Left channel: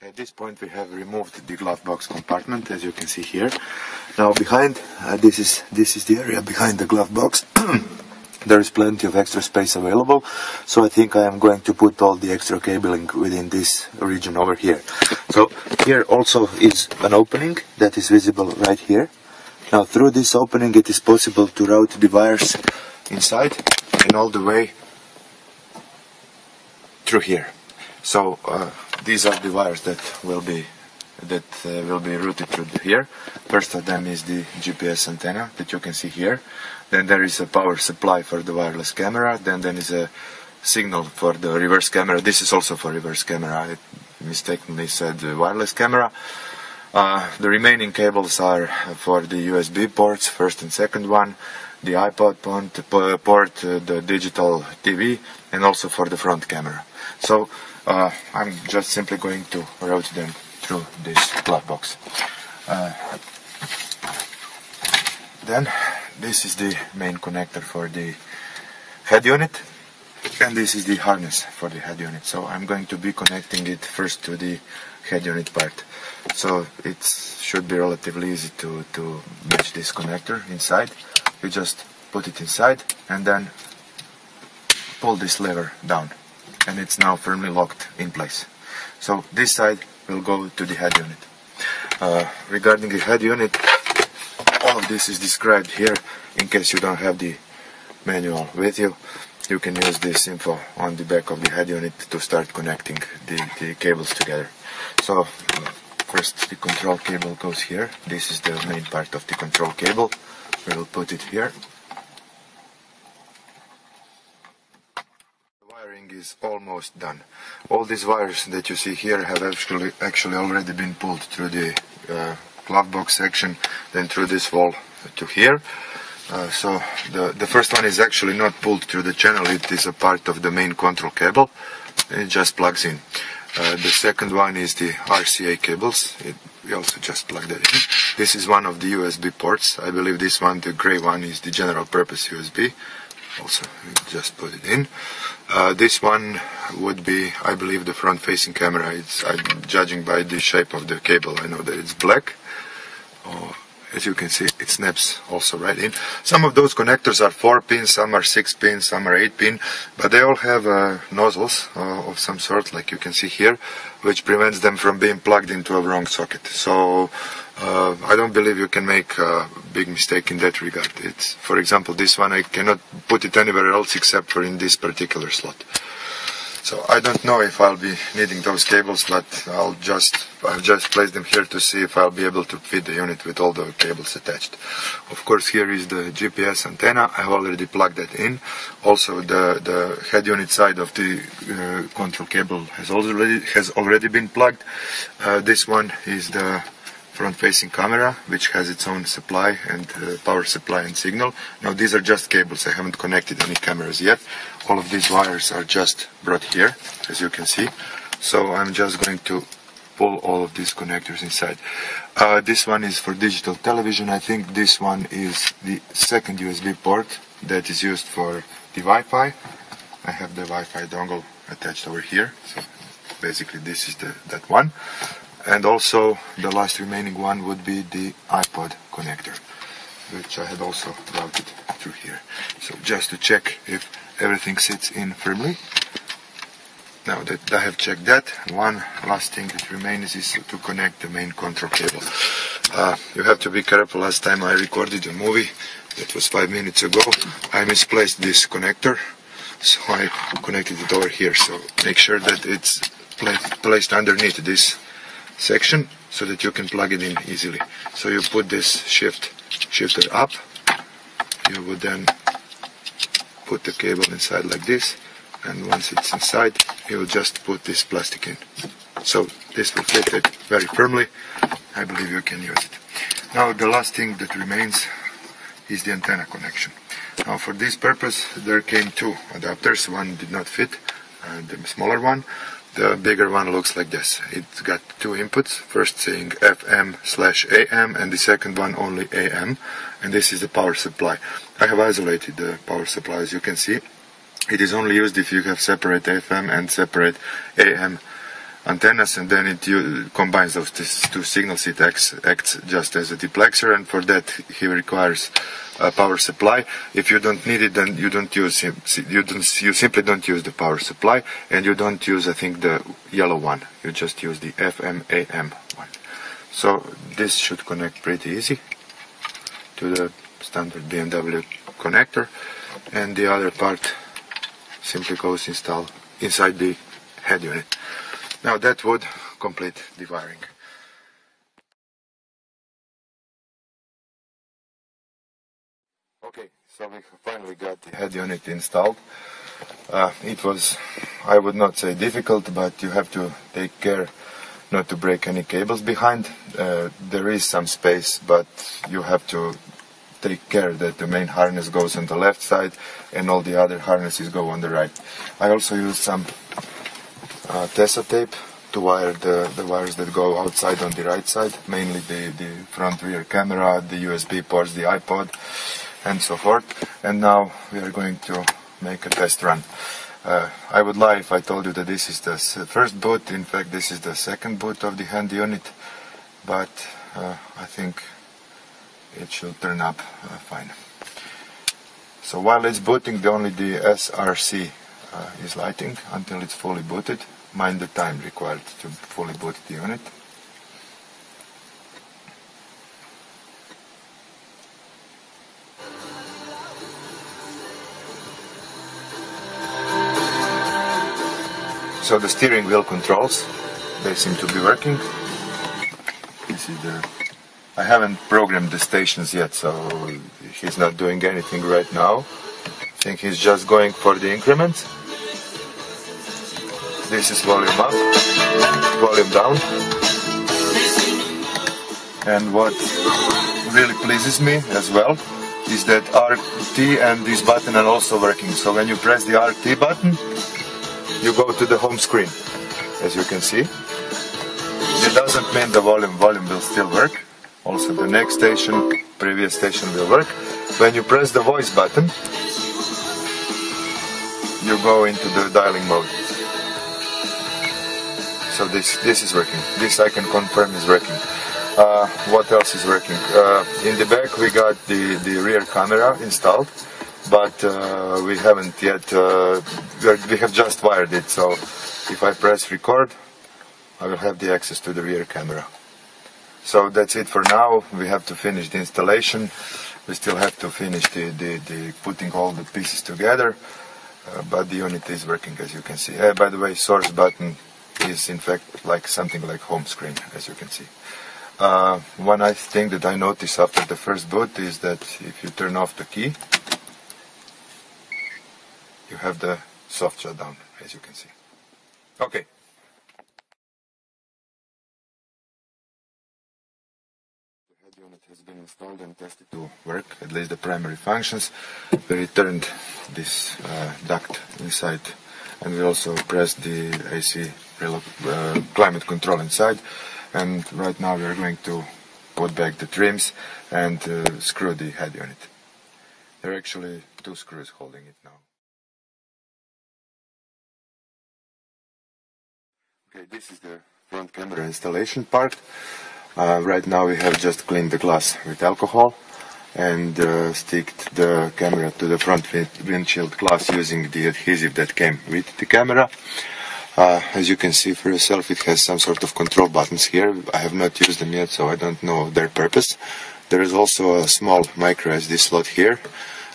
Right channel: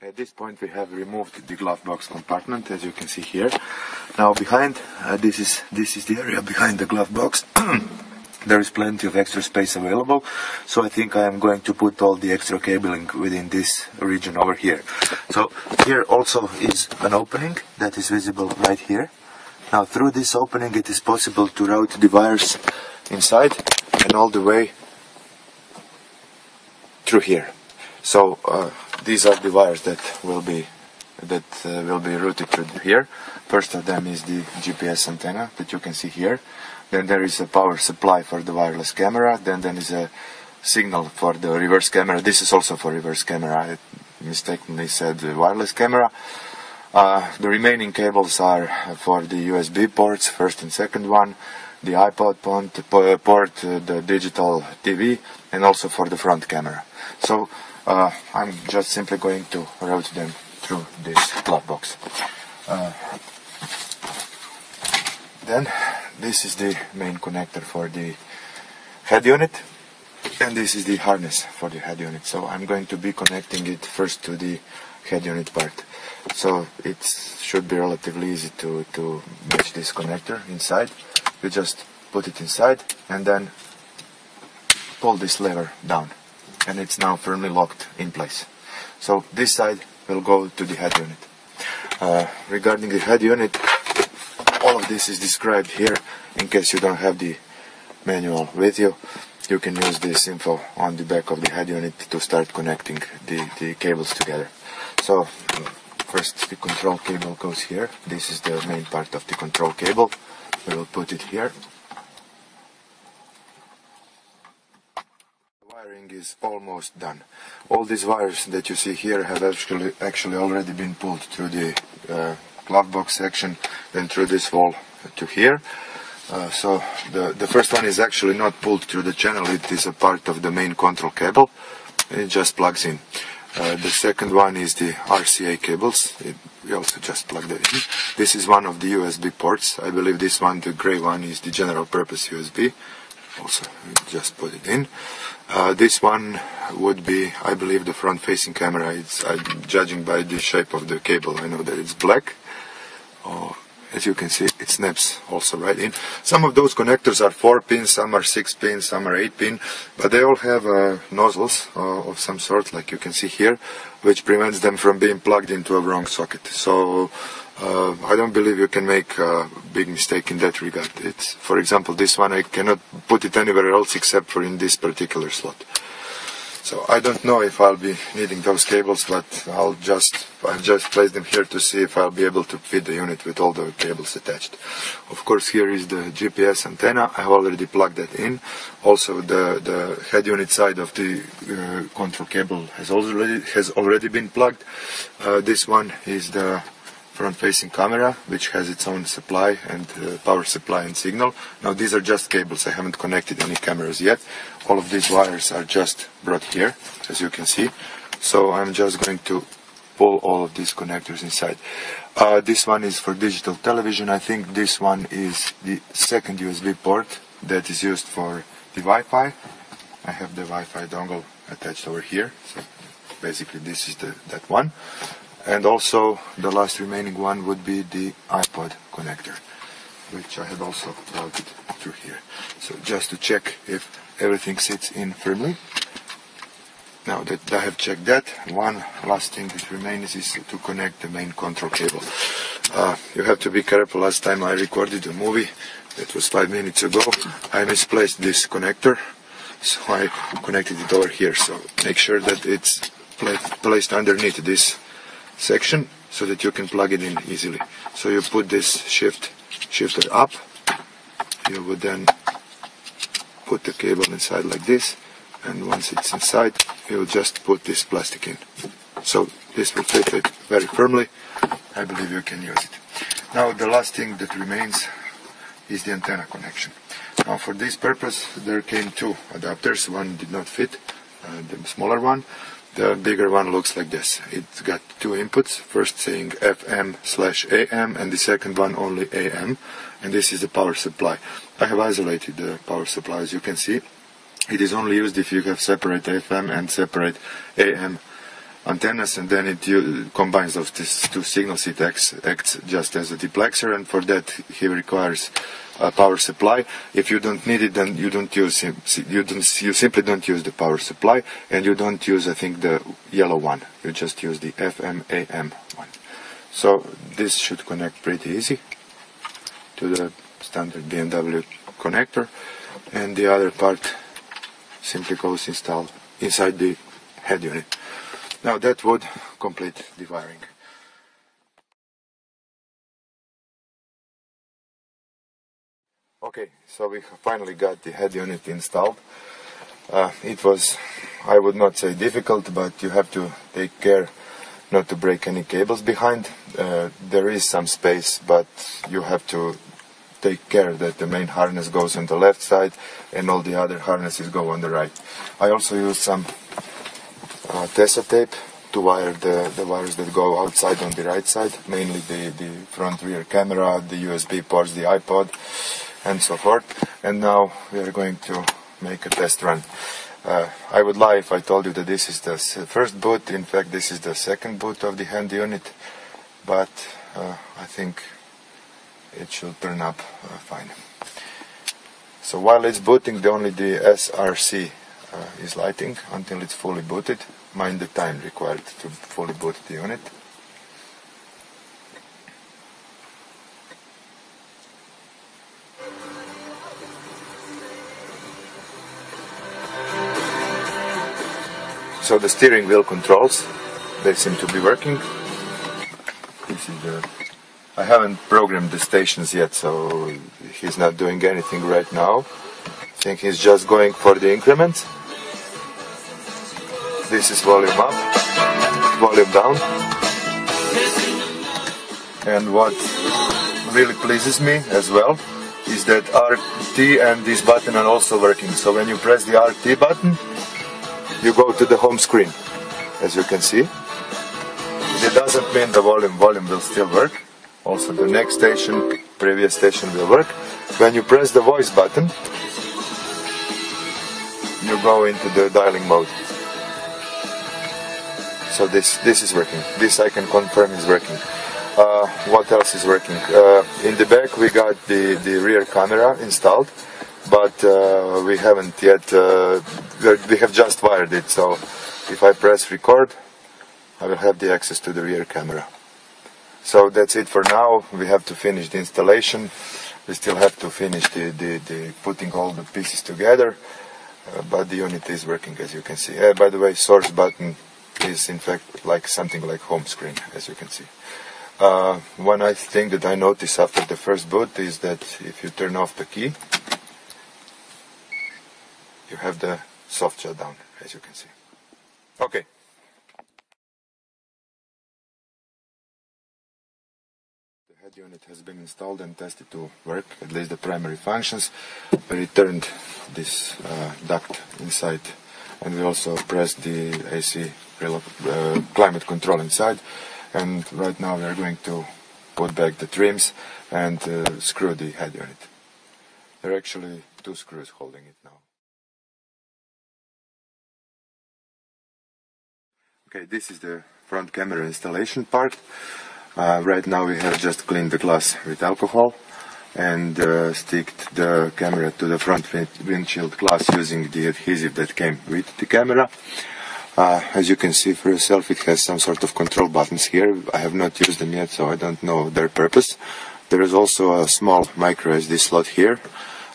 At this point we have removed the glove box compartment, as you can see here. Now behind, this is the area behind the glove box. There is plenty of extra space available, so I think I am going to put all the extra cabling within this region over here. So here also is an opening that is visible right here. Now through this opening it is possible to route the wires inside and all the way through here. So these are the wires that will be routed through here. First of them is the GPS antenna that you can see here. Then there is a power supply for the wireless camera. Then there is a signal for the reverse camera. This is also for reverse camera. I mistakenly said wireless camera. The remaining cables are for the USB ports, first and second one, the iPod port, the digital TV, and also for the front camera. So I'm just simply going to route them through this glove box. Then this is the main connector for the head unit, and this is the harness for the head unit. So I'm going to be connecting it first to the head unit part. So it should be relatively easy to match this connector inside. You just put it inside and then pull this lever down, and it's now firmly locked in place. So this side will go to the head unit. Regarding the head unit, all of this is described here. In case you don't have the manual with you, you can use this info on the back of the head unit to start connecting the cables together. So first the control cable goes here. This is the main part of the control cable. We will put it here. The wiring is almost done. All these wires that you see here have actually already been pulled through the glove box section, then through this wall to here. So the first one is actually not pulled through the channel. It is a part of the main control cable. It just plugs in. The second one is the RCA cables. We also just plug that in. This is one of the USB ports. I believe this one, the gray one, is the general purpose USB. Also, we just put it in. This one would be, I believe, the front facing camera. I'm judging by the shape of the cable. I know that it's black. As you can see, it snaps also right in. Some of those connectors are 4 pins, some are 6 pins, some are 8 pin, but they all have nozzles of some sort, like you can see here, which prevents them from being plugged into a wrong socket. So I don't believe you can make a big mistake in that regard. For example, this one I cannot put it anywhere else except for in this particular slot. So I don't know if I'll be needing those cables, but I've just placed them here to see if I'll be able to fit the unit with all the cables attached. Of course, here is the GPS antenna. I have already plugged that in. Also, the head unit side of the control cable has already been plugged. This one is the front-facing camera, which has its own supply and power supply and signal. Now these are just cables. I haven't connected any cameras yet. All of these wires are just brought here, as you can see. So I'm just going to pull all of these connectors inside. This one is for digital television. I think this one is the second USB port that is used for the Wi-Fi. I have the Wi-Fi dongle attached over here. So basically this is that one. And also the last remaining one would be the iPod connector, which I had also routed through here. So just to check if everything sits in firmly. Now that I have checked that, one last thing that remains is to connect the main control cable. You have to be careful. Last time I recorded a movie, that was 5 minutes ago, I misplaced this connector, so I connected it over here. So make sure that it's placed underneath this section so that you can plug it in easily. So you put this shifter up, you would then put the cable inside like this, and once it's inside you will just put this plastic in. So this will fit it very firmly. I believe you can use it. Now the last thing that remains is the antenna connection. Now for this purpose there came 2 adapters. One did not fit, the smaller one. The bigger one looks like this. It's got 2 inputs, first saying FM/AM and the second one only AM, and this is the power supply. I have isolated the power supply, as you can see. It is only used if you have separate FM and separate AM antennas, and then it combines those two signals. It acts just as a duplexer, and for that he requires a power supply. If you don't need it, then you don't use you simply don't use the power supply, and you don't use, I think, the yellow one. You just use the FM/AM one. So this should connect pretty easy to the standard BMW connector, and the other part simply goes installed inside the head unit. Now that would complete the wiring. Okay, so we finally got the head unit installed. It was, I would not say difficult, but you have to take care not to break any cables behind. There is some space, but you have to take care that the main harness goes on the left side and all the other harnesses go on the right. I also used some Tesa tape to wire the wires that go outside on the right side, mainly the front rear camera, the USB ports, the iPod, and so forth. And now we are going to make a test run. I would lie if I told you that this is the first boot. In fact, this is the second boot of the hand unit, but I think it should turn up fine. So while it's booting, only the SRC is lighting until it's fully booted. Mind the time required to fully boot the unit. So the steering wheel controls, they seem to be working. This is I haven't programmed the stations yet, so he's not doing anything right now. I think he's just going for the increments. This is volume up, volume down. And what really pleases me as well is that RT and this button are also working. So when you press the RT button, you go to the home screen, as you can see. It doesn't mean the volume will still work. Also the next station, previous station will work. When you press the voice button, you go into the dialing mode. So this is working. This I can confirm is working. What else is working? In the back we got the rear camera installed, but we haven't yet, we have just wired it. So if I press record, I will have the access to the rear camera. So that's it for now. We have to finish the installation. We still have to finish the putting all the pieces together, but the unit is working, as you can see. By the way, source button is in fact like something like home screen, as you can see. One nice thing that I noticed after the first boot is that if you turn off the key, you have the soft shutdown, as you can see. Okay. The head unit has been installed and tested to work, at least the primary functions. We returned this duct inside, and we also pressed the AC climate control inside. And right now we are going to put back the trims and screw the head unit. There are actually two screws holding it now. Okay, this is the front camera installation part. Right now we have just cleaned the glass with alcohol and sticked the camera to the front windshield glass using the adhesive that came with the camera. As you can see for yourself, it has some sort of control buttons here. I have not used them yet, so I don't know their purpose. There is also a small micro SD slot here.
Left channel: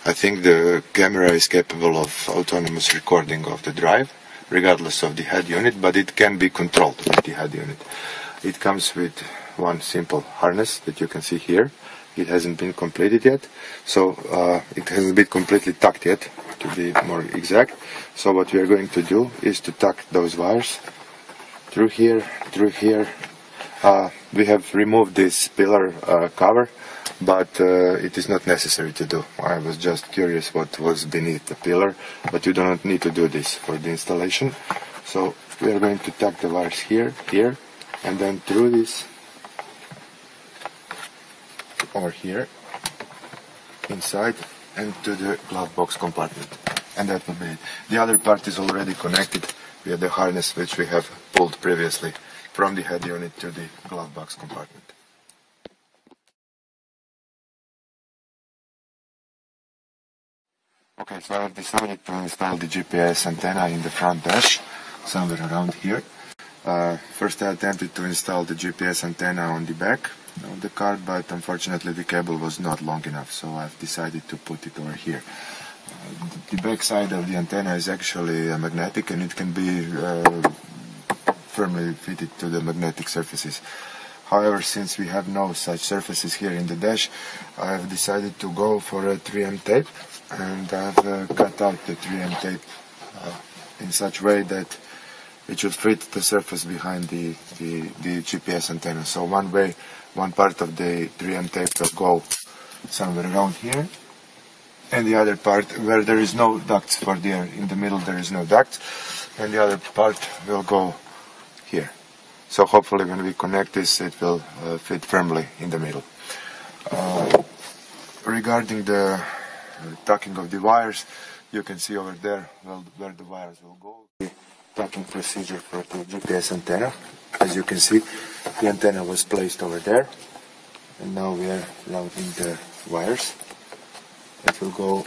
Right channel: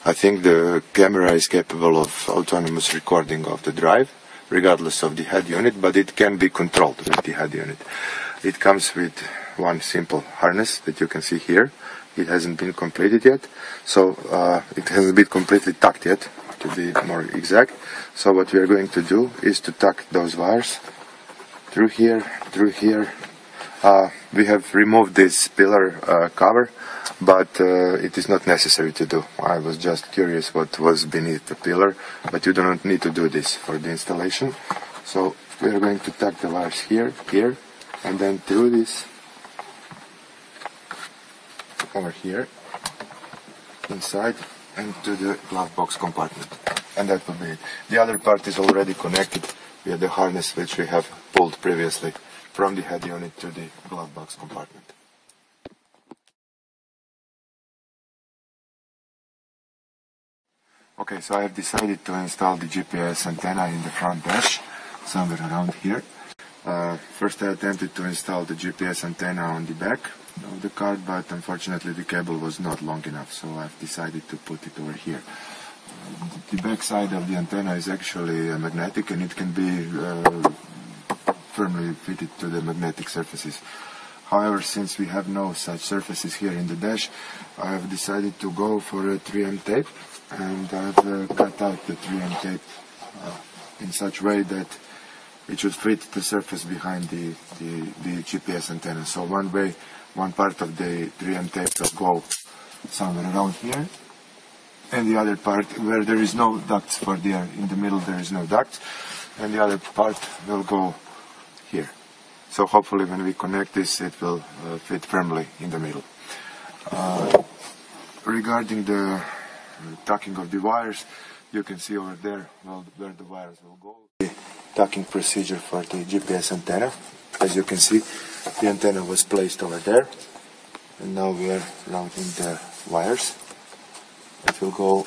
I think the camera is capable of autonomous recording of the drive, regardless of the head unit, but it can be controlled with the head unit. It comes with one simple harness that you can see here. It hasn't been completed yet, so it hasn't been completely tucked yet, to be more exact. So what we are going to do is to tuck those wires through here. We have removed this pillar cover, but it is not necessary to do. I was just curious what was beneath the pillar, but you do not need to do this for the installation. So we are going to tuck the wires here, and then through this, or here, inside, and to the glove box compartment. And that will be it. The other part is already connected via the harness which we have pulled previously from the head unit to the glove box compartment. Okay, so I have decided to install the GPS antenna in the front dash, somewhere around here. First I attempted to install the GPS antenna on the back of the card, but unfortunately the cable was not long enough, so I've decided to put it over here. The back side of the antenna is actually magnetic, and it can be firmly fitted to the magnetic surfaces. However, since we have no such surfaces here in the dash, I have decided to go for a 3M tape, and I've cut out the 3M tape in such way that it should fit the surface behind the GPS antenna. So one part of the 3M tape will go somewhere around here, and the other part where there is no ducts for the air. In the middle there is no ducts, and the other part will go here. So hopefully when we connect this, it will fit firmly in the middle. Regarding the tucking of the wires, you can see over there where the wires will go. The tucking procedure for the GPS antenna. As you can see, the antenna was placed over there, and now we are routing the wires. It will go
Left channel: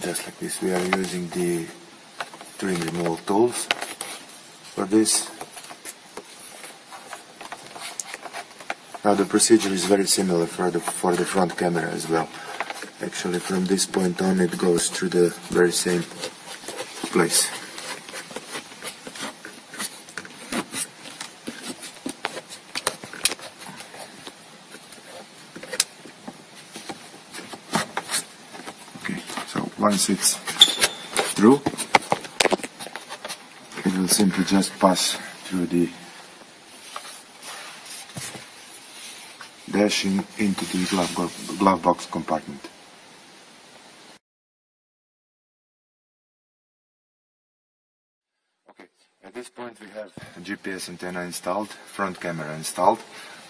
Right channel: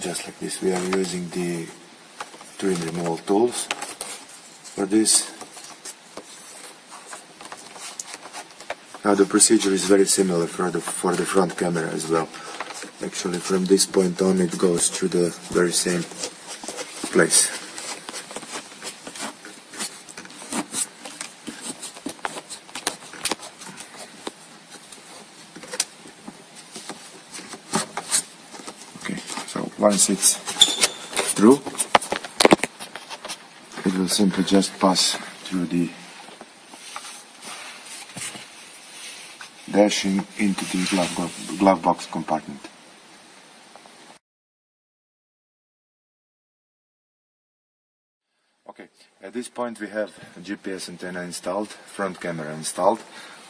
just like this. We are using the trim removal tools for this. Now the procedure is very similar for the front camera as well. Actually, from this point on, it goes through the very same place. Okay, so once it's through, it will simply just pass through the dashing into the glove box compartment. Okay, at this point we have GPS antenna installed, front camera installed.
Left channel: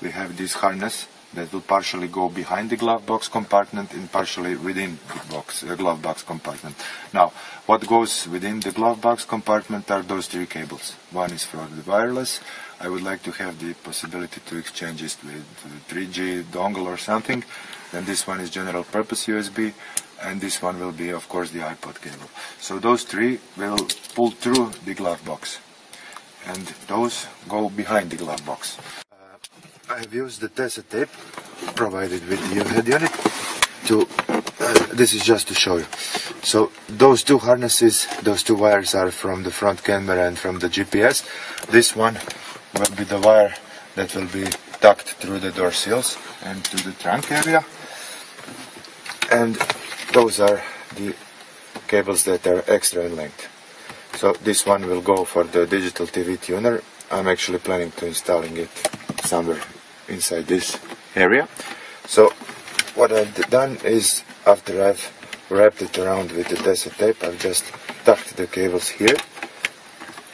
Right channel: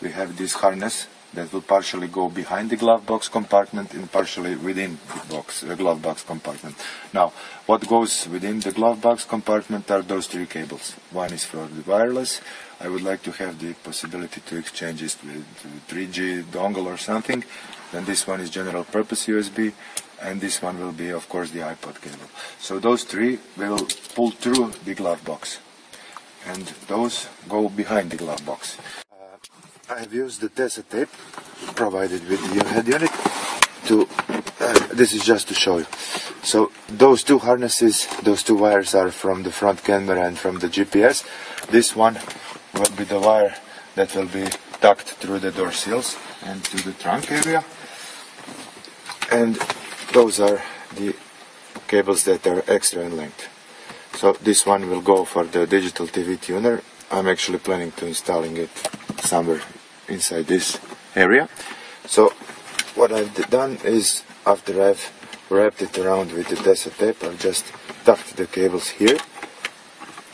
We have this harness that will partially go behind the glove box compartment and partially within the glove box compartment. Now, what goes within the glove box compartment are those three cables. One is for the wireless. I would like to have the possibility to exchange it with 3G dongle or something. Then this one is general purpose USB, and this one will be, of course, the iPod cable. So those three will pull through the glove box, and those go behind the glove box. I have used the Tesa tape provided with the head unit to, this is just to show you. So those two harnesses, those two wires are from the front camera and from the GPS. This one will be the wire that will be tucked through the door seals and to the trunk area. And those are the cables that are extra in length. So this one will go for the digital TV tuner. I'm actually planning to installing it somewhere inside this area. So what I've done is, after I've wrapped it around with the Tesa tape, I've just tucked the cables here.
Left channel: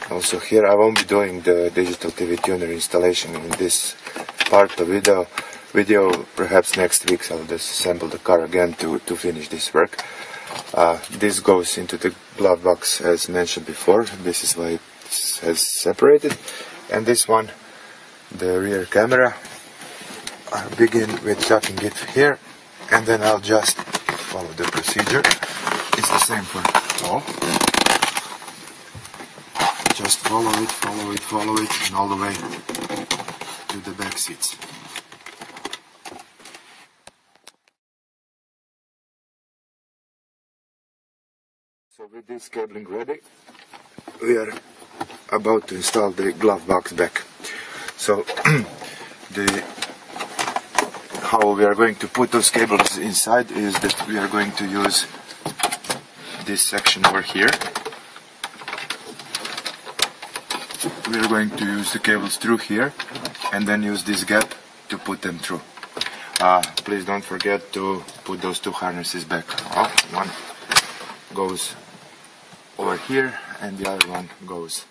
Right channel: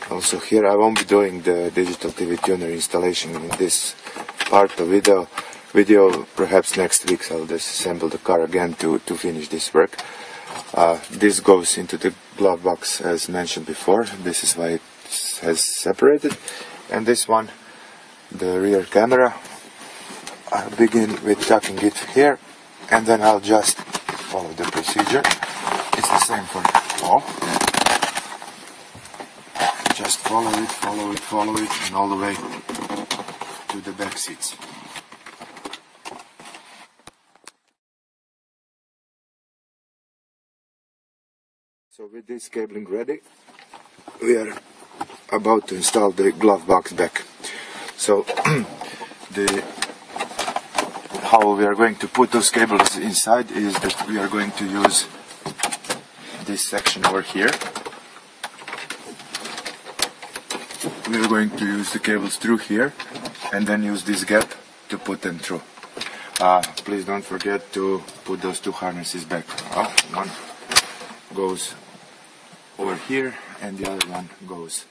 Also here, I won't be doing the digital TV tuner installation in this part of video. Perhaps next week I'll disassemble the car again to finish this work. This goes into the glove box as mentioned before. This is why it has separated. And this one, the rear camera, I'll begin with tucking it here, and then I'll just follow the procedure. It's the same for all. Just follow it, and all the way to the back seats. So with this cabling ready, we are about to install the glove box back. So how we are going to put those cables inside is that we are going to use this section over here. We are going to use the cables through here and then use this gap to put them through. Please don't forget to put those two harnesses back. One goes over here and the other one goes